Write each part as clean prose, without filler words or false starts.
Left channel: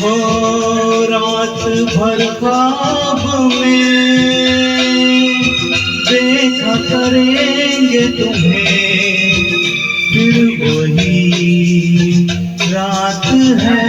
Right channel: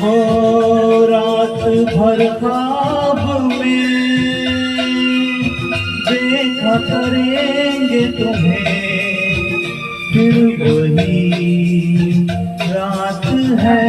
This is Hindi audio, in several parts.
हो रात भर ख्वाब में देखा करेंगे तुम्हें, फिर वही रात है।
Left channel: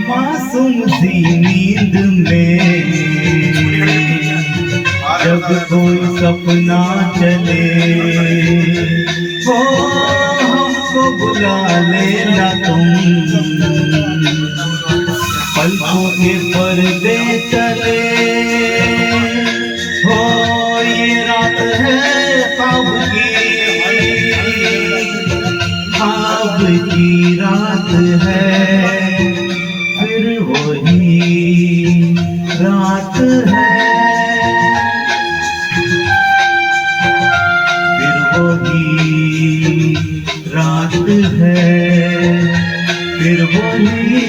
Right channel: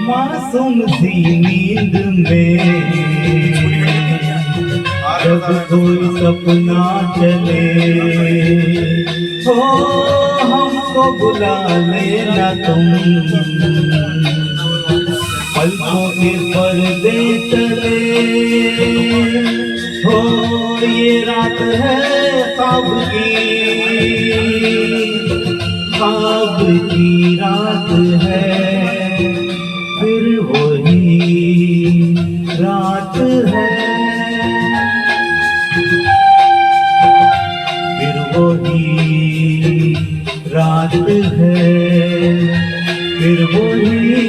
मासूम सी नींद में जब कोई सपना चले, हो हमको बुला लेना तुम, पलकों के पर्दे चले। हो ये रात है ख्वाब की रात है, फिर वही रात है, फिर वही रात है, फिर वही